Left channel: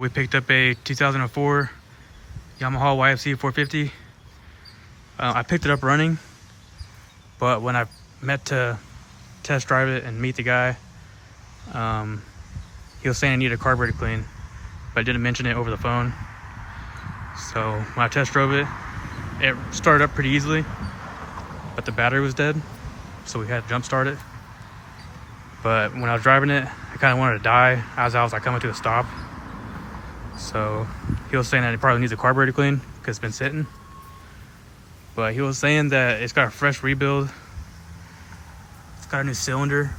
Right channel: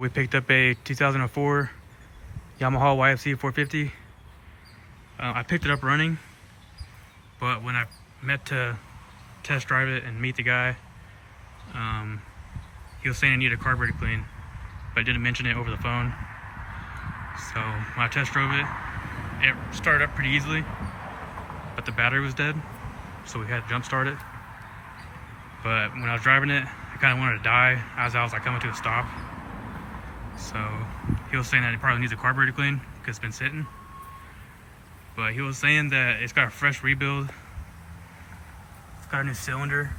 We picked up a 2004 Yamaha YFZ450. I picked it up running, but when I met to test drive it and meet the guy, he was saying I needed a carburetor clean, but I didn't mention it over the phone. So when I test drove it, it started up pretty easily, but the battery was dead, so we had to jump start it. But when I was driving it, I kind of wanted to die as I was like coming to a stop. So he was saying that it probably needs a carburetor clean because it's been sitting. But he was saying that it's got a fresh rebuild. It's got a new cylinder.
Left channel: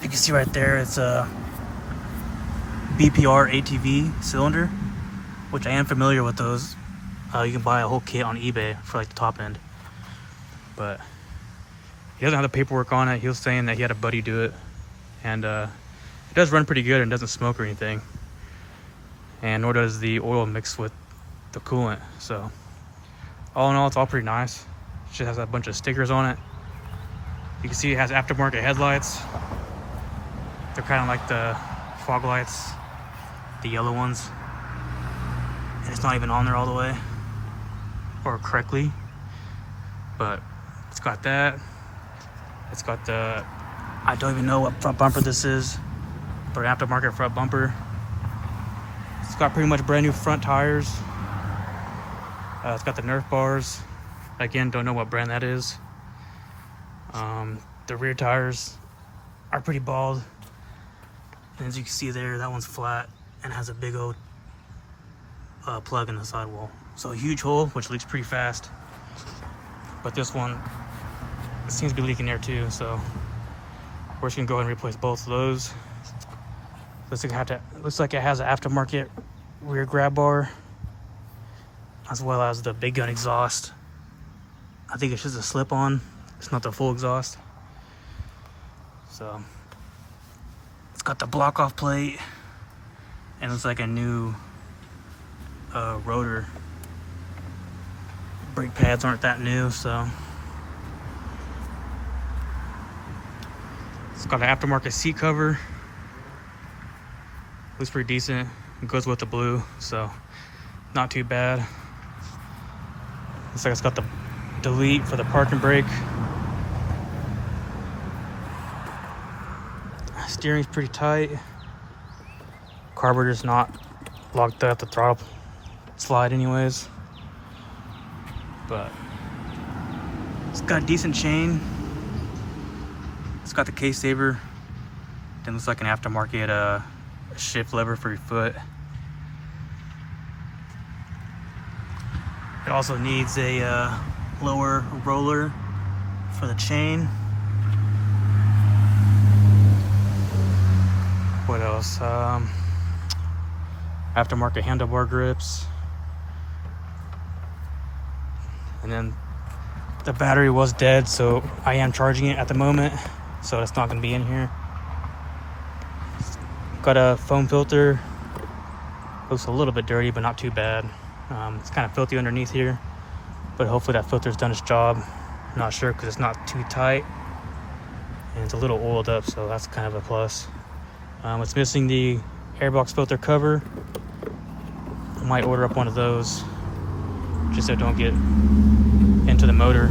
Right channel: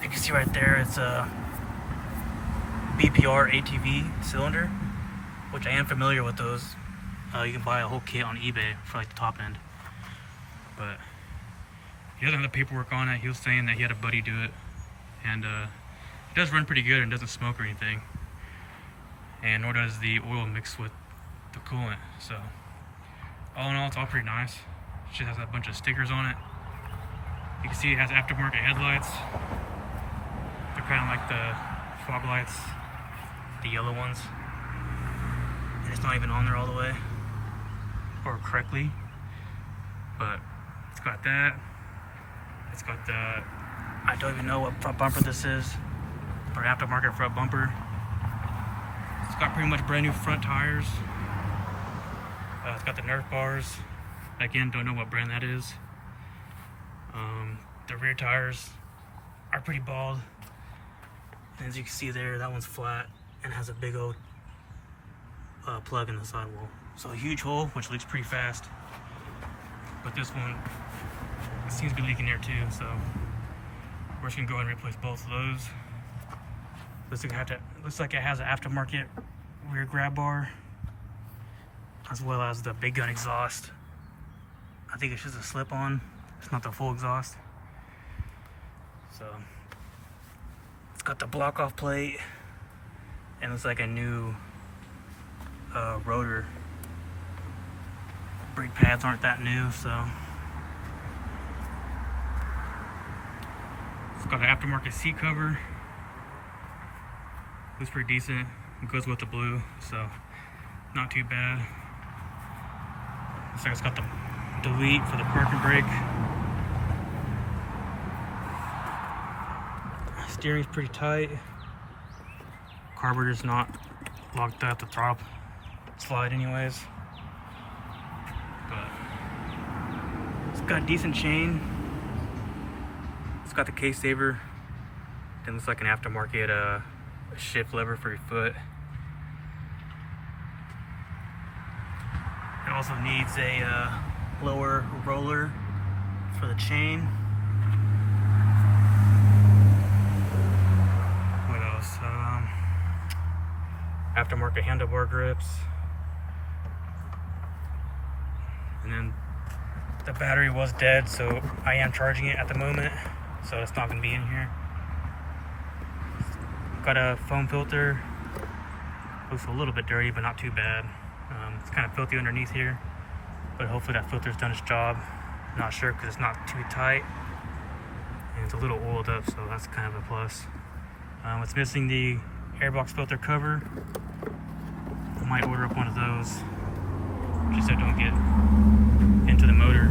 You can see right there, it's a BPR ATV cylinder, which I am familiar with those. You can buy a whole kit on eBay for like the top end. But he doesn't have the paperwork on it. He was saying that he had a buddy do it. And it does run pretty good and doesn't smoke or anything. And nor does the oil mix with the coolant. So all in all, it's all pretty nice. It just has a bunch of stickers on it. You can see it has aftermarket headlights. They're kind of like the fog lights, the yellow ones. And it's not even on there all the way or correctly, but it's got that. It's got the, I don't even know what front bumper this is, but aftermarket front bumper. It's got pretty much brand new front tires. It's got the Nerf bars. Again, don't know what brand that is. The rear tires are pretty bald. And as you can see there, that one's flat and has a big old plug in the sidewall. So a huge hole, which leaks pretty fast. But this one seems to be leaking there too, so we're just gonna go ahead and replace both of those. Looks like it has an aftermarket rear grab bar, as well as the big gun exhaust. I think it's just a slip-on. It's not the full exhaust. So it's got the block-off plate, and it's like a new rotor. Brake pads aren't that new, so it's got an aftermarket seat cover. Looks pretty decent. It goes with the blue, so not too bad. Looks like it's got the delete for the parking brake. Steering's pretty tight. Carburetor's not locked up the throttle slide anyways. But it's got a decent chain. It's got the case saver. Then looks like an aftermarket shift lever for your foot. It also needs a lower roller for the chain. What else? Aftermarket handlebar grips. And then the battery was dead, so I am charging it at the moment, so it's not going to be in here. Got a foam filter. Looks a little bit dirty, but not too bad. It's kind of filthy underneath here, but hopefully that filter's done its job. Not sure because it's not too tight, and it's a little oiled up, so that's kind of a plus. It's missing the airbox filter cover. I might order up one of those just so it don't get into the motor,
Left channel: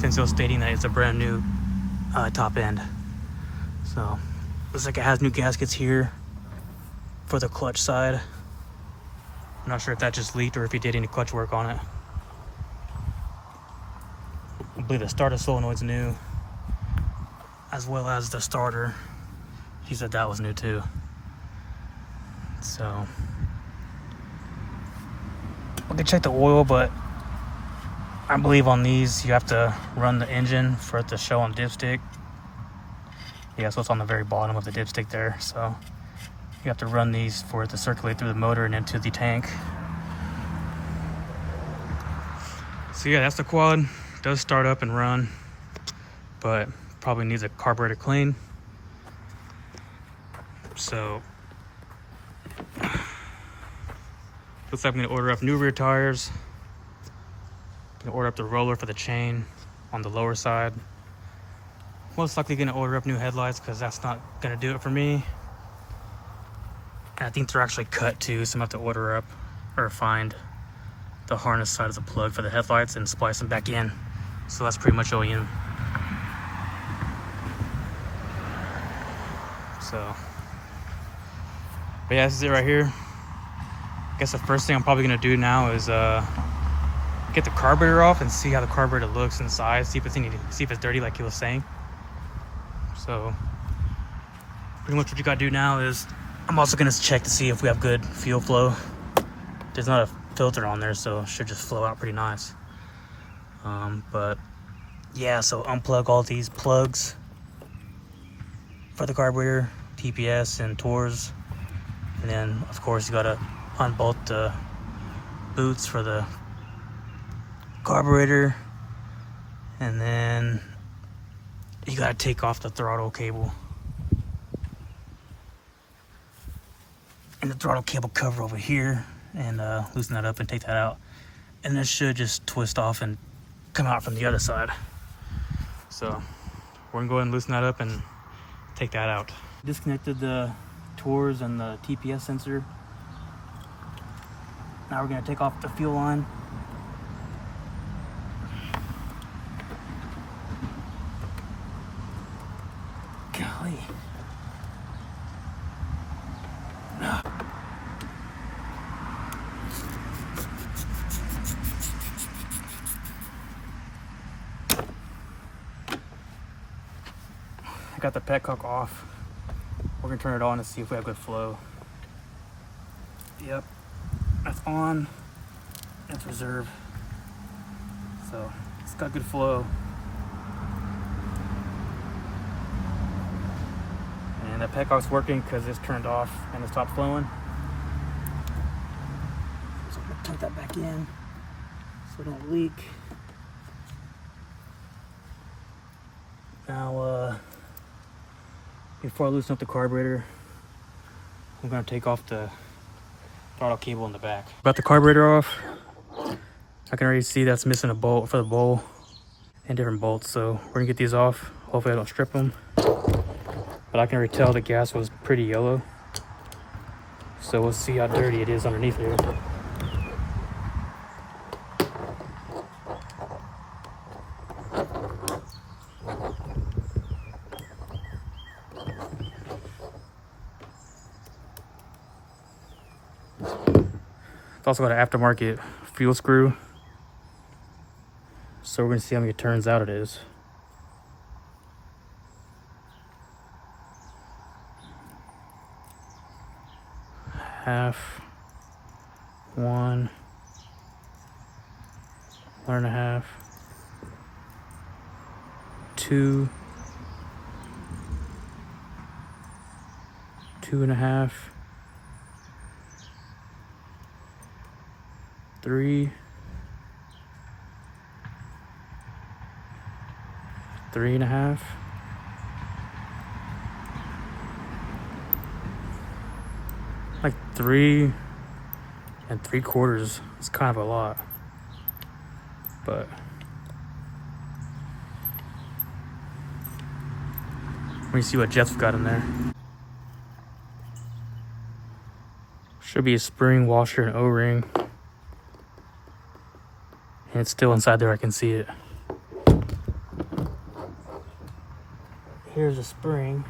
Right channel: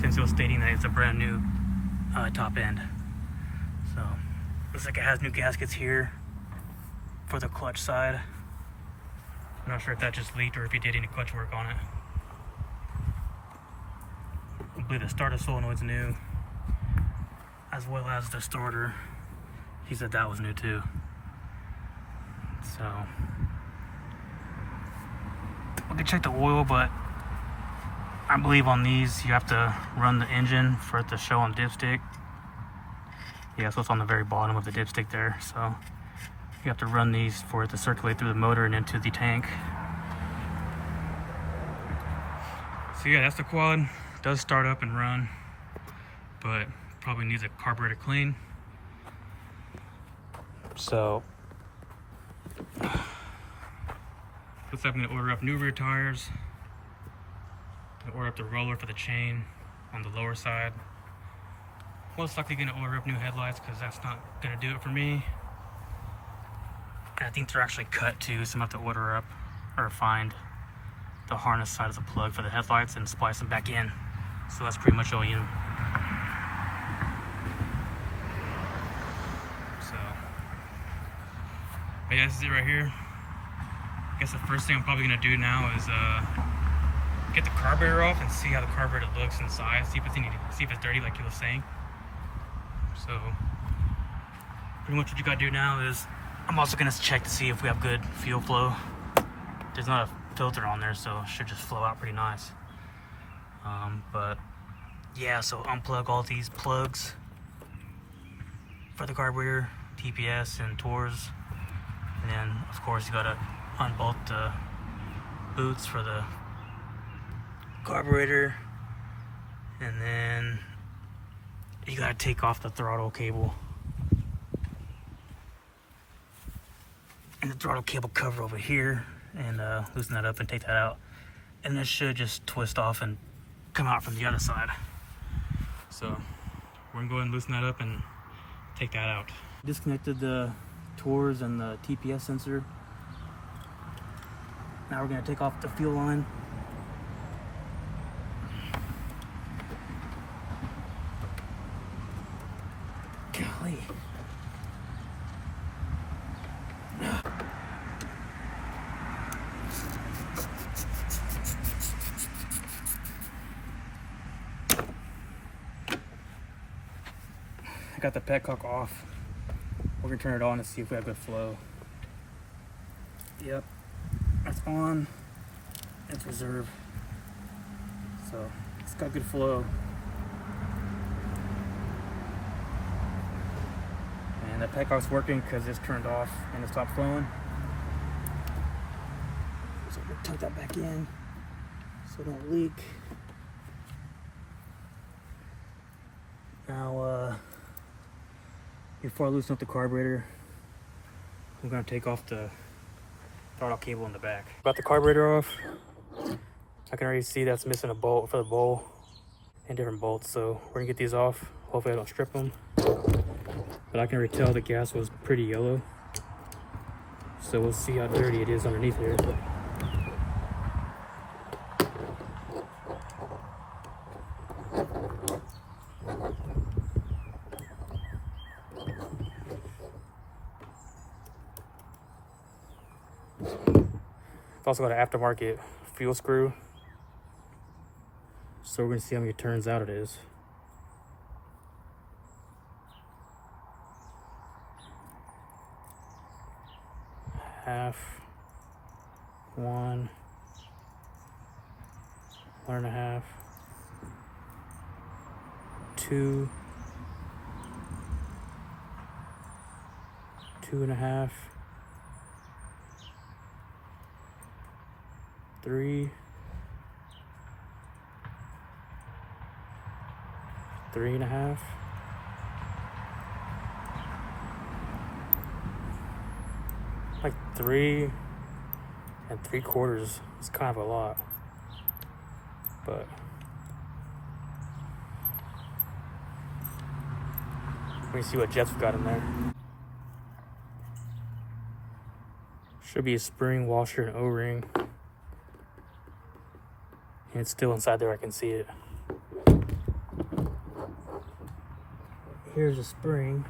since it was stating that it's a brand new top end. So looks like it has new gaskets here for the clutch side. I'm not sure if that just leaked or if he did any clutch work on it. I believe the starter solenoid's new, as well as the starter. He said that was new too. So we can check the oil, but I believe on these you have to run the engine for it to show on the dipstick. Yeah, so it's on the very bottom of the dipstick there. So you have to run these for it to circulate through the motor and into the tank. So yeah, that's the quad. It does start up and run, but probably needs a carburetor clean. So looks like I'm gonna order up new rear tires. I'm gonna order up the roller for the chain on the lower side. Most likely gonna order up new headlights because that's not gonna do it for me. I think they're actually cut too, so I'm gonna have to order up or find the harness side of the plug for the headlights and splice them back in. So that's pretty much OEM. So, but yeah, this is it right here. I guess the first thing I'm probably gonna do now is get the carburetor off and see how the carburetor looks inside. See if it's dirty, like he was saying. So, pretty much what you gotta do now is I'm also gonna check to see if we have good fuel flow. There's not a filter on there, so it should just flow out pretty nice. But yeah, so unplug all these plugs for the carburetor, TPS and TORS, and then of course you gotta unbolt the boots for the carburetor, and then you gotta take off the throttle cable and the throttle cable cover over here, and loosen that up and take that out, and this should just twist off and come out from the other side. So we're gonna go ahead and loosen that up and take that out. Disconnected the TORS and the TPS sensor. Now we're gonna take off the fuel line. Golly. I got the petcock off. We're gonna turn it on to see if we have good flow. Yep, that's on. That's reserve. So it's got good flow. And the petcock's working because it's turned off and it stopped flowing. So I'm gonna tuck that back in so it don't leak. Now, before I loosen up the carburetor, I'm gonna take off the throttle cable in the back. Got the carburetor off. I can already see that's missing a bolt for the bowl and different bolts. So we're gonna get these off. Hopefully I don't strip them. But I can already tell the gas was pretty yellow. So we'll see how dirty it is underneath here. It's also got an aftermarket fuel screw. So we're gonna see how many turns out it is. Half, 1, 1.5, 2, 2.5, 3, 3.5, like 3 3/4. It's kind of a lot, but let me see what Jeff's got in there. Should be a spring, washer, and O-ring. And it's still inside there, I can see it. Here's a spring.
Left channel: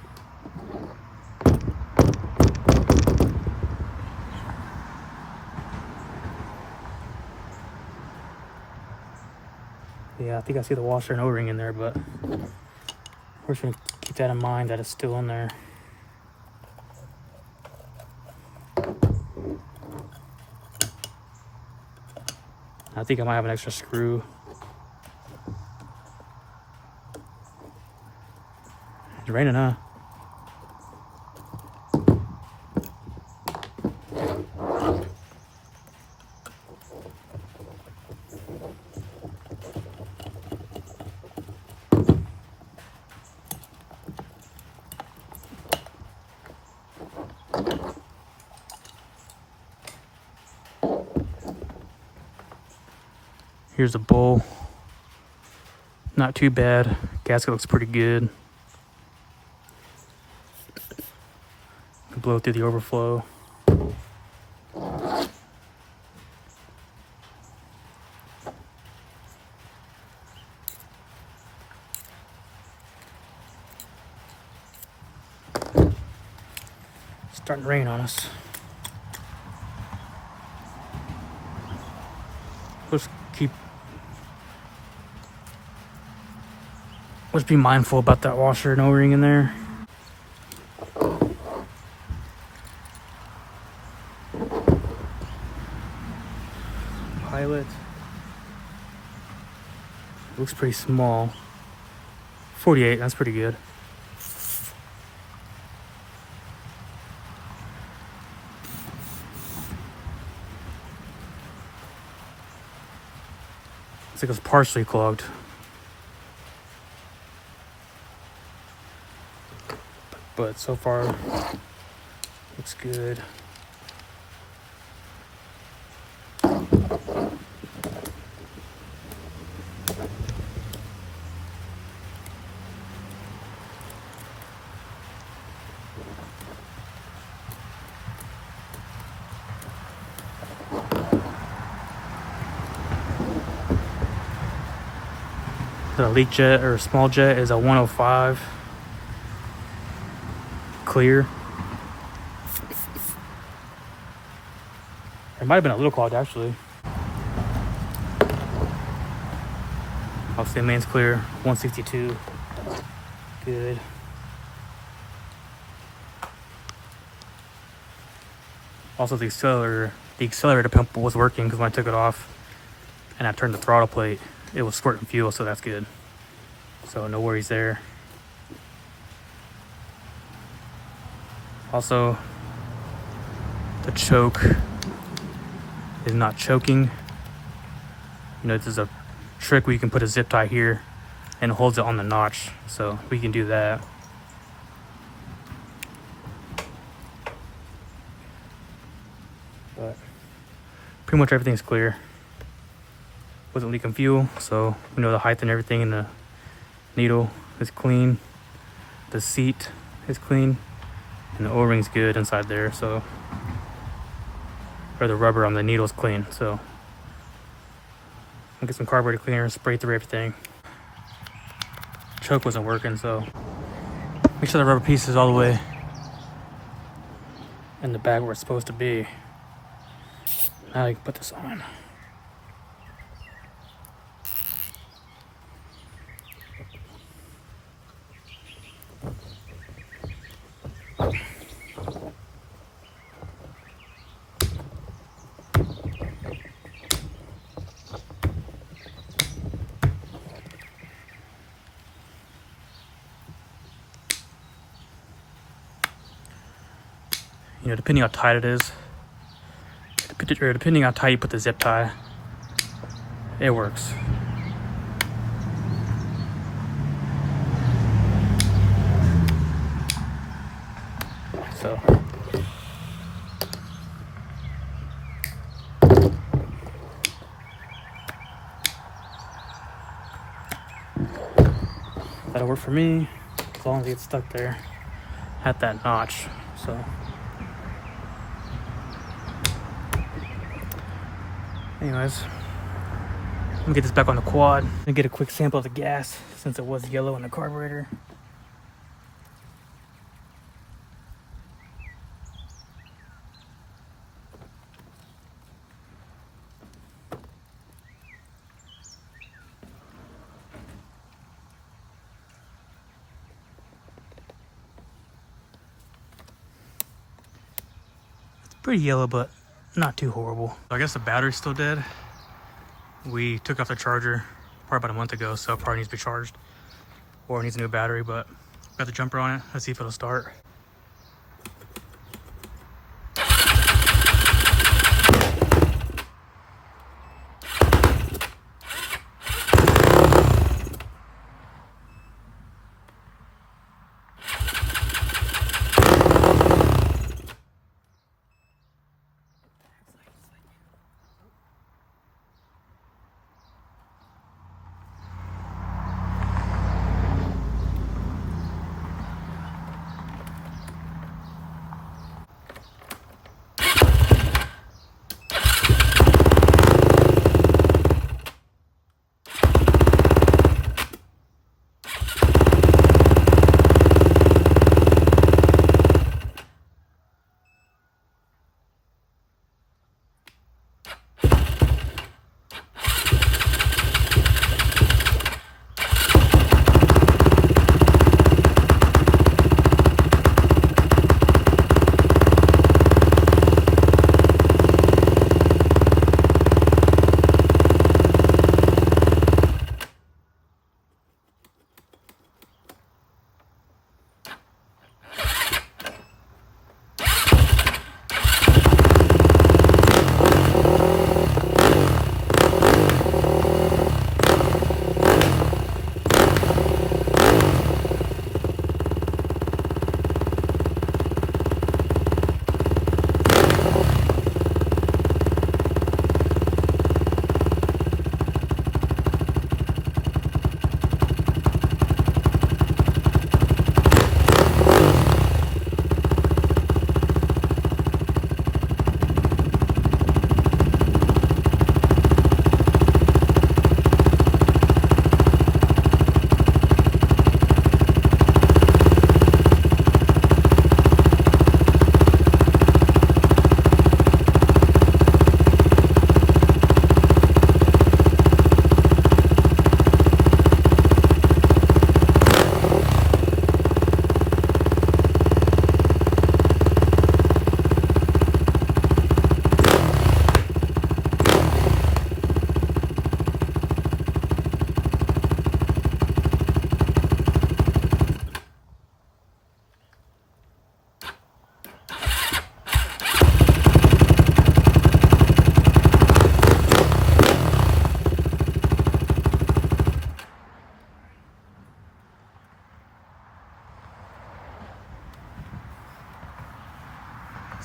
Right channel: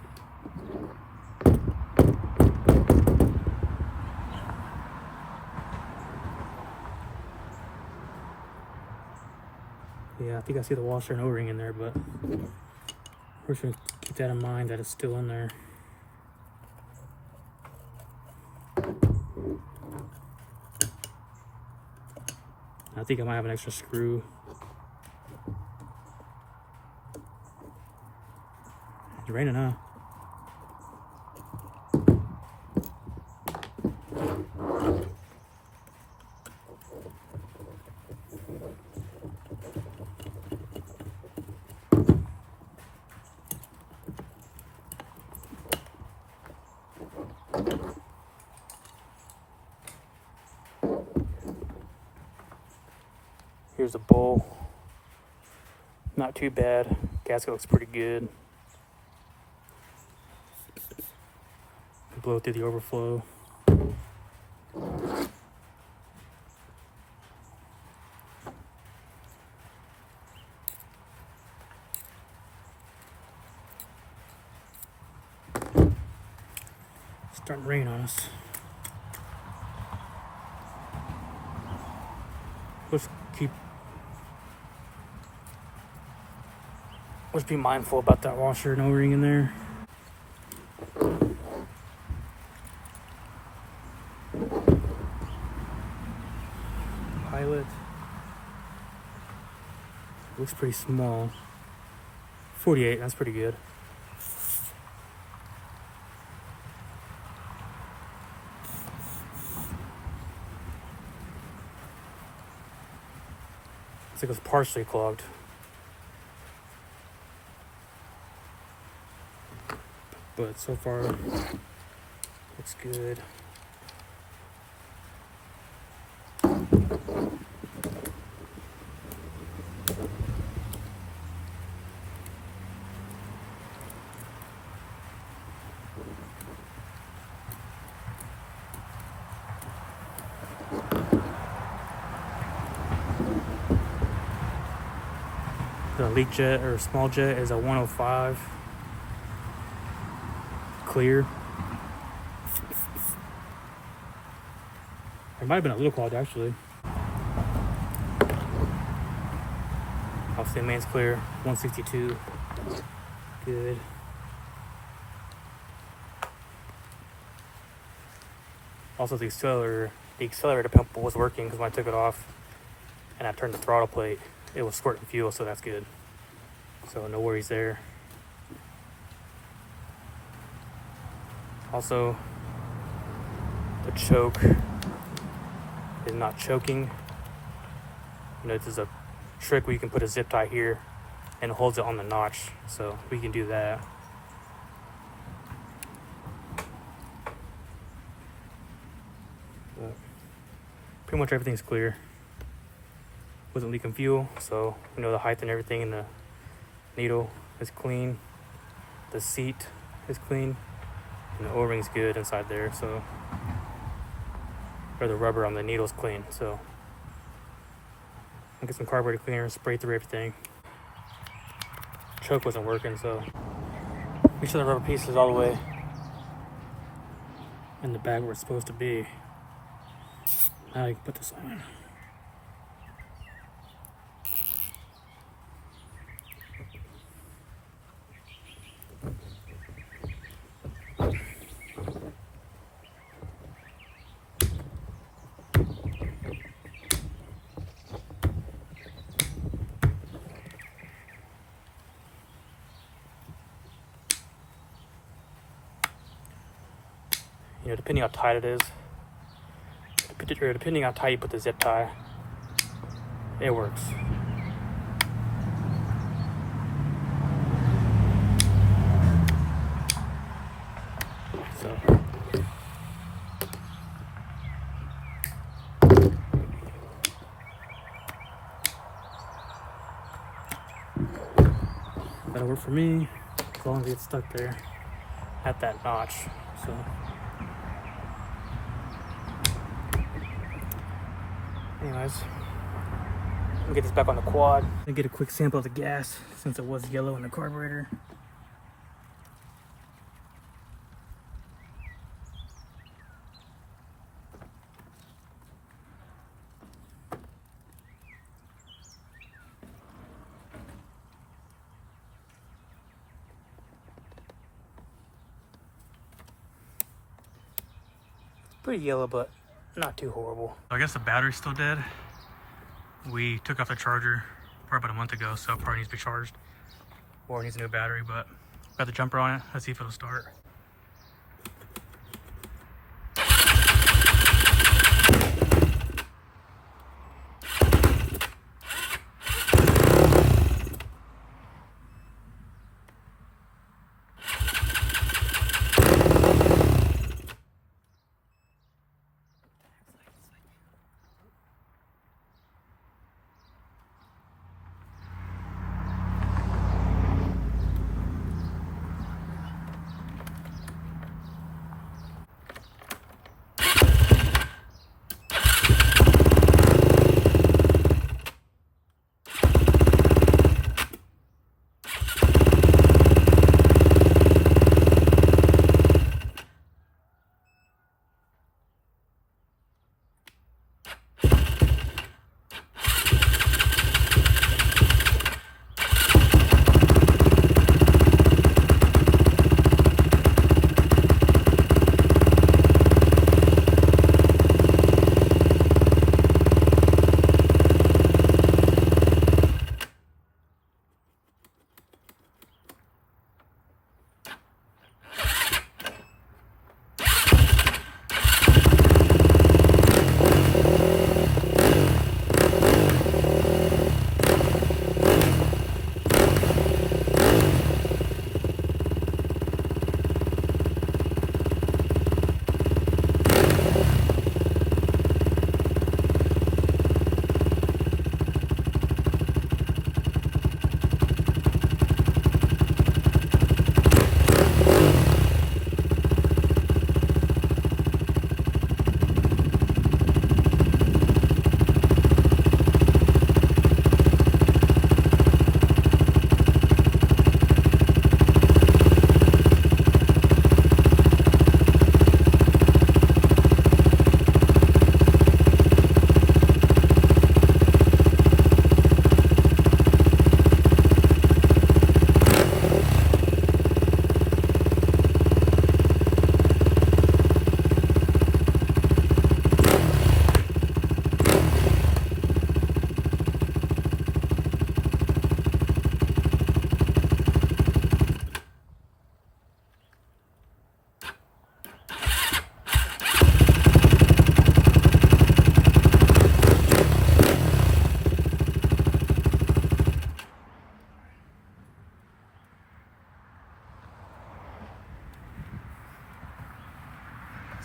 Yeah, I think I see the washer and O-ring in there, but we're just gonna keep that in mind that it's still in there. I think I might have an extra screw. It's raining, huh? Here's the bowl. Not too bad. Gasket looks pretty good. Blow through the overflow. It's starting to rain on us. Let's be mindful about that washer and O-ring in there. Pilot. Looks pretty small. 48, that's pretty good. It's like it's partially clogged. But so far, looks good. The leak jet or small jet is a 105 clear. It might have been a little clogged actually. Obviously the main's clear, 162. Good. Also the accelerator pump was working because when I took it off and I turned the throttle plate, it was squirting fuel, so that's good. So no worries there. Also, the choke is not choking. You know, this is a trick where you can put a zip tie here and it holds it on the notch. So we can do that. But pretty much everything's clear. Wasn't leaking fuel, so we know the height and everything in the needle is clean. The seat is clean. And the O-ring's good inside there, so, or the rubber on the needle's clean, so. I'll get some carburetor cleaner and spray through everything. Choke wasn't working, so make sure the rubber piece is all the way in the bag where it's supposed to be. Now I can put this on. You know, depending how tight it is, or depending how tight you put the zip tie, it works. So, that'll work for me, as long as it gets stuck there at that notch. So. Anyways, let me get this back on the quad. I'm gonna get a quick sample of the gas since it was yellow in the carburetor. Pretty yellow, but not too horrible. I guess the battery's still dead. We took off the charger probably about a month ago, so it probably needs to be charged or it needs a new battery, but got the jumper on it. Let's see if it'll start.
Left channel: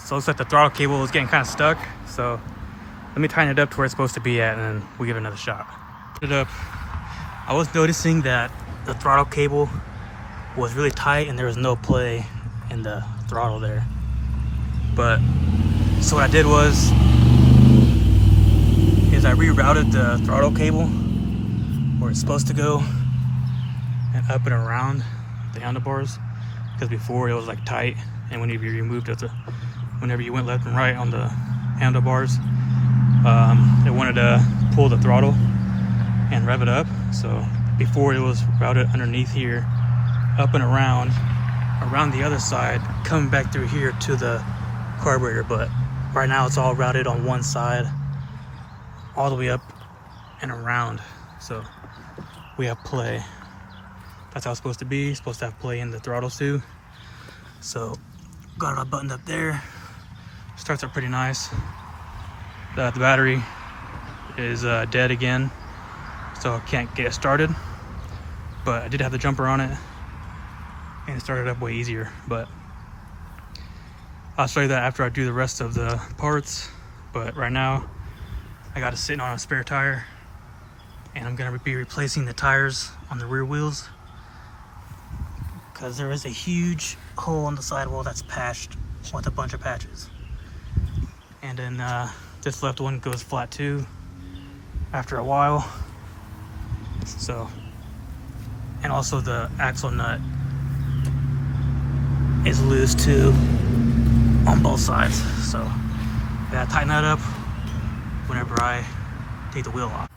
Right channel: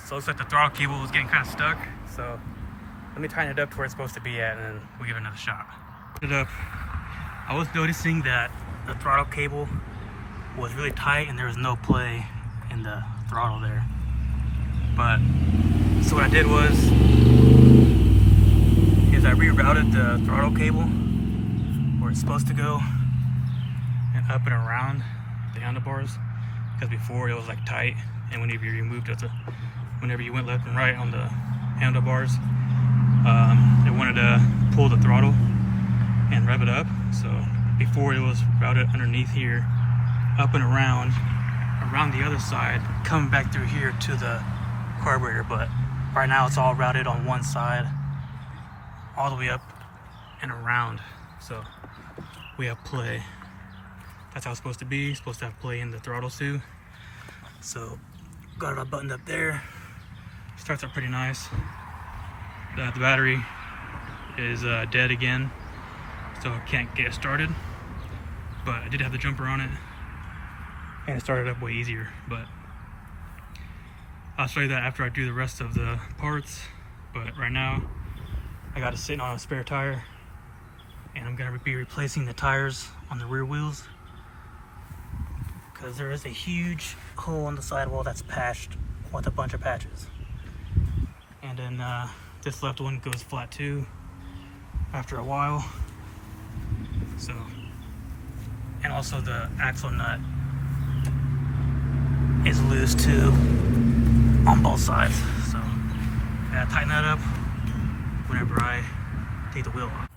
So it looks like the throttle cable is getting kind of stuck. So let me tighten it up to where it's supposed to be at, and then we'll give it another shot. Put it up. I was noticing that the throttle cable was really tight and there was no play in the throttle there. But so what I did was I rerouted the throttle cable where it's supposed to go and up and around the handlebars, because before it was like tight, and whenever you removed it, whenever you went left and right on the handlebars, it wanted to pull the throttle and rev it up. So before it was routed underneath here, up and around the other side, coming back through here to the carburetor. But right now it's all routed on one side, all the way up and around. So we have play. That's how it's supposed to be. It's supposed to have play in the throttle too. So got it all buttoned up there. Starts up pretty nice. The battery is dead again, so I can't get it started. But I did have the jumper on it, and it started up way easier. But I'll show you that after I do the rest of the parts. But right now I got it sitting on a spare tire, and I'm gonna be replacing the tires on the rear wheels, because there is a huge hole on the sidewall that's patched with a bunch of patches. And then this left one goes flat too after a while. So, and also the axle nut is loose too on both sides. So I gotta tighten that up whenever I take the wheel off.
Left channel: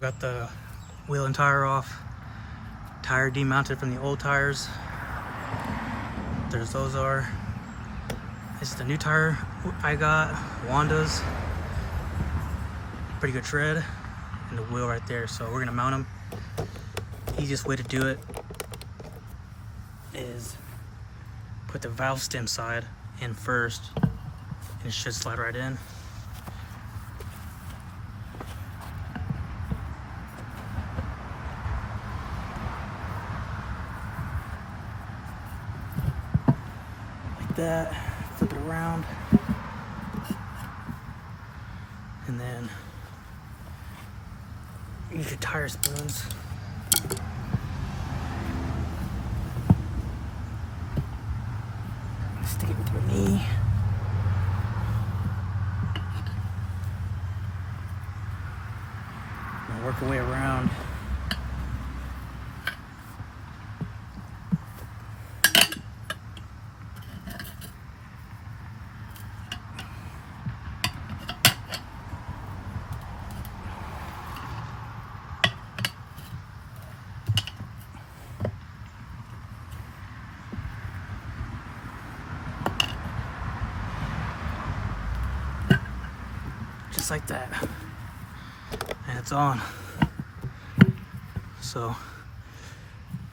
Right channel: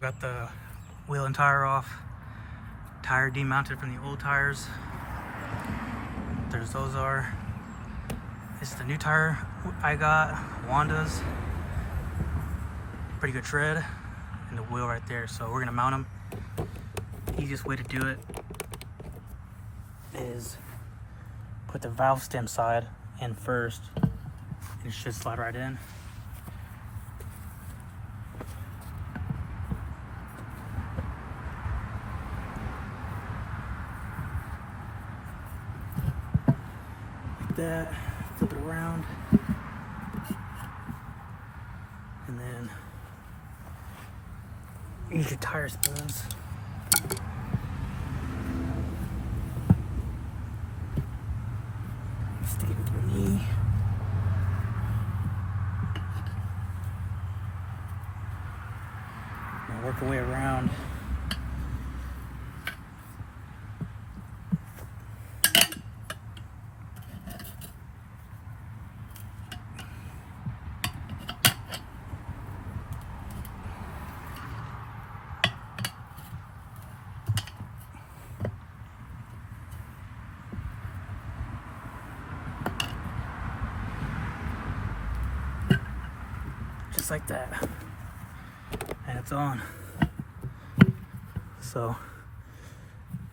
Got the wheel and tire off. Tire demounted from the old tires. There's those are. This is the new tire I got, Wanda's. Pretty good tread. And the wheel right there. So we're gonna mount them. Easiest way to do it is put the valve stem side in first, and it should slide right in. That, flip it around, and then use your tire spoons. Stick it with your knee. Now work your way around. Just like that, and it's on. So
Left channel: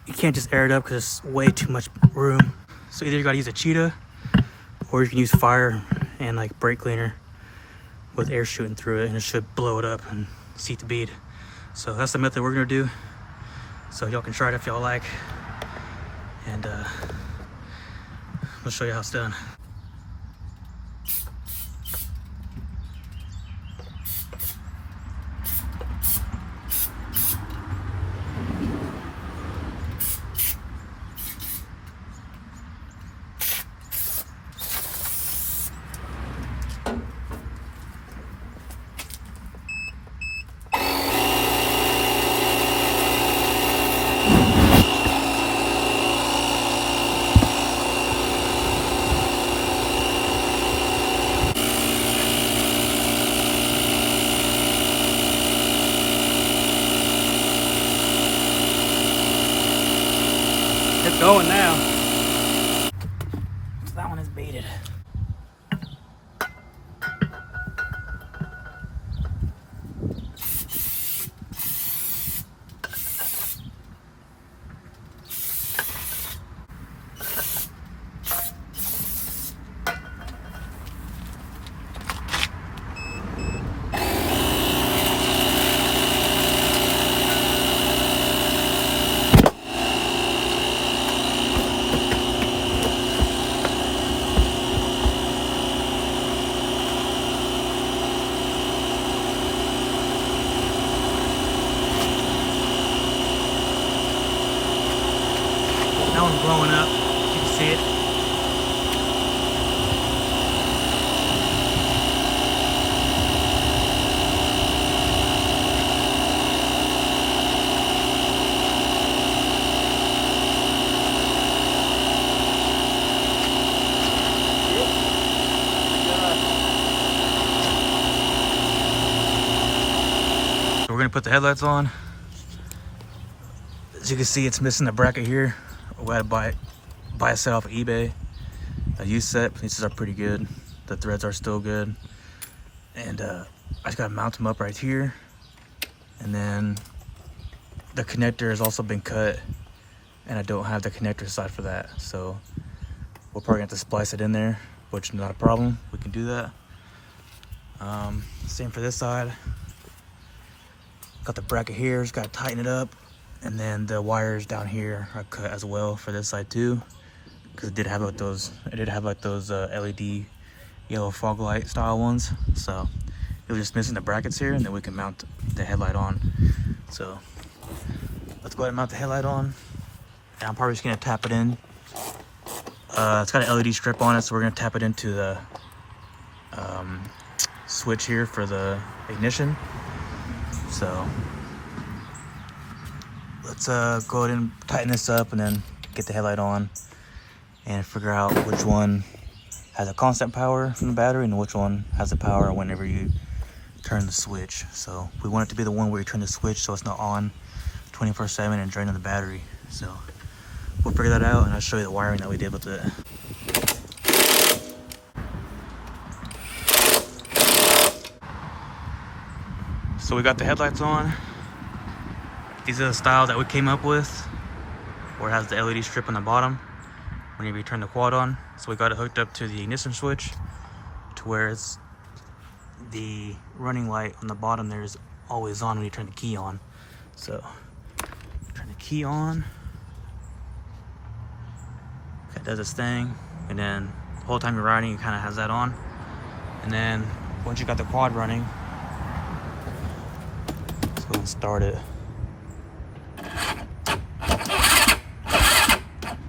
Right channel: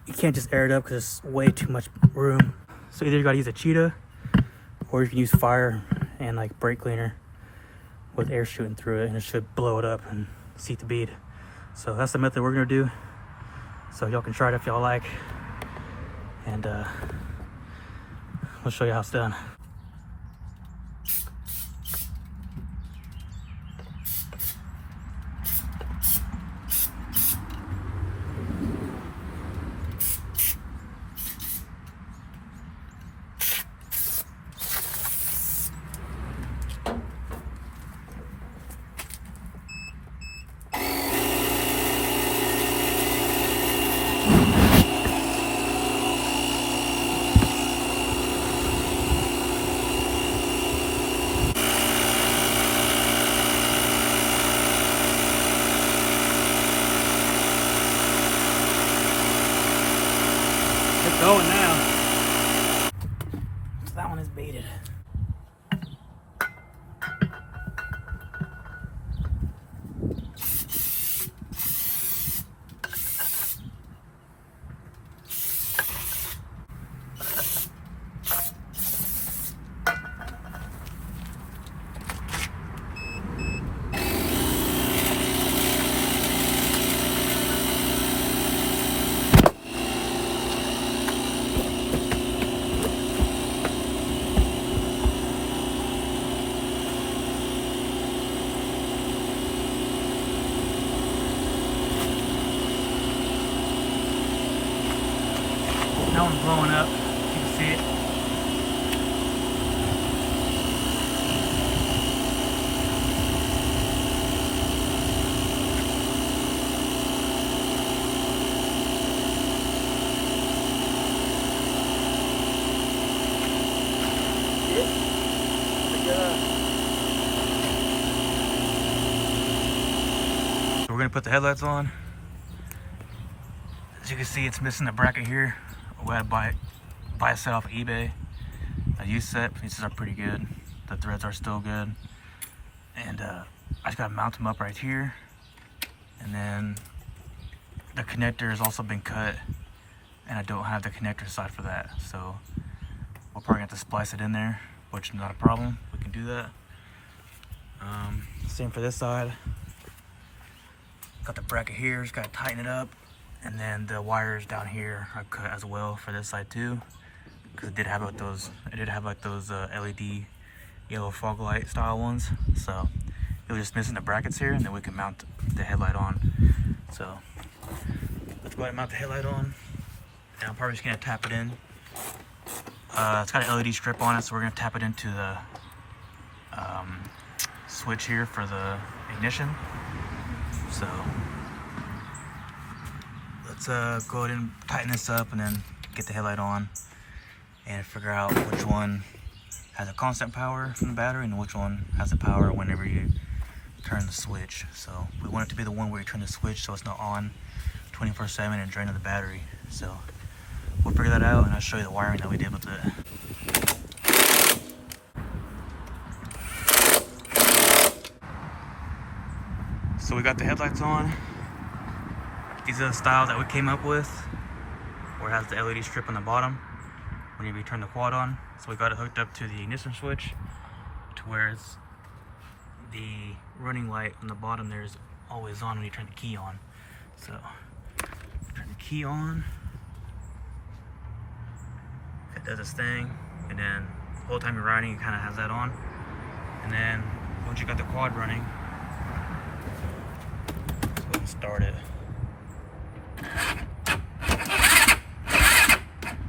you can't just air it up because it's way too much room. So either you gotta use a cheetah, or you can use fire and like brake cleaner with air shooting through it, and it should blow it up and seat the bead. So that's the method we're gonna do. So y'all can try it if y'all like, and we'll show you how it's done. going now. So that one is baited. That one's blowing up. You can see it. So we're gonna put the headlights on. As you can see, it's missing the bracket here. We had to buy a set off of eBay. A used set. These are pretty good. The threads are still good. And I just gotta mount them up right here. And then the connector has also been cut, and I don't have the connector side for that. So we'll probably have to splice it in there, which is not a problem. We can do that. Same for this side. Got the bracket here, just gotta tighten it up. And then the wires down here are cut as well for this side too, because it did have like those. LED yellow fog light style ones. So it was just missing the brackets here, and then we can mount the headlight on. So let's go ahead and mount the headlight on. And I'm probably just gonna tap it in. It's got an LED strip on it, so we're gonna tap it into the switch here for the ignition. So let's go ahead and tighten this up and then get the headlight on and figure out which one has a constant power from the battery and which one has the power whenever you turn the switch. So we want it to be the one where you turn the switch so it's not on 24/7 and draining the battery. So we'll figure that out, and I'll show you the wiring that we did with it. So we got the headlights on. These are the style that we came up with, where it has the LED strip on the bottom whenever you turn the quad on. So we got it hooked up to the ignition switch to where it's the running light on the bottom there is always on when you turn the key on. So turn the key on, it does its thing, and then the whole time you're riding it kind of has that on. And then once you got the quad running, let's go and start it.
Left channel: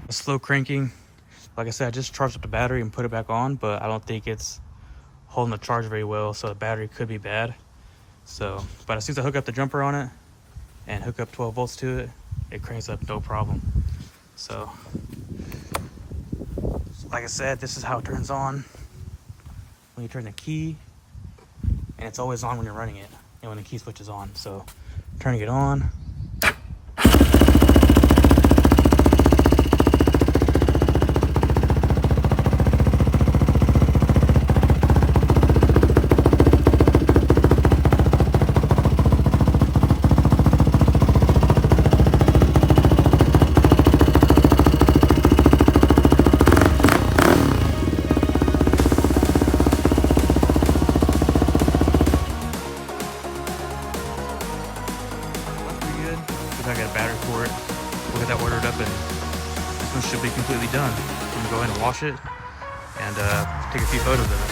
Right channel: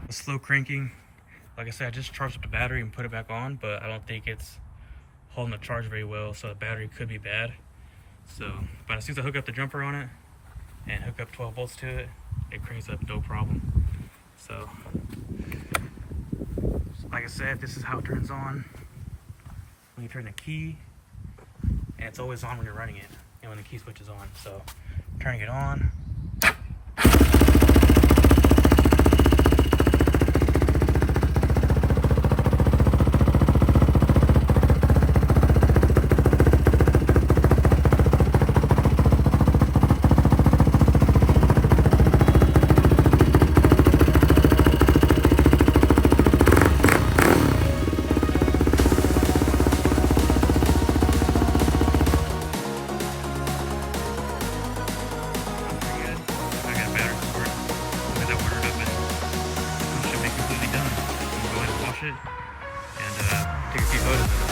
Slow cranking. Like I said, I just charged up the battery and put it back on, but I don't think it's holding the charge very well, so the battery could be bad. So, but as soon as I hook up the jumper on it and hook up 12 volts to it, it cranks up no problem. So, like I said, this is how it turns on when you turn the key, and it's always on when you're running it and when the key switch is on. So, turning it on. I got a battery for it. We'll get that ordered up, and this one should be completely done. I'm gonna go ahead and wash it and take a few photos of it.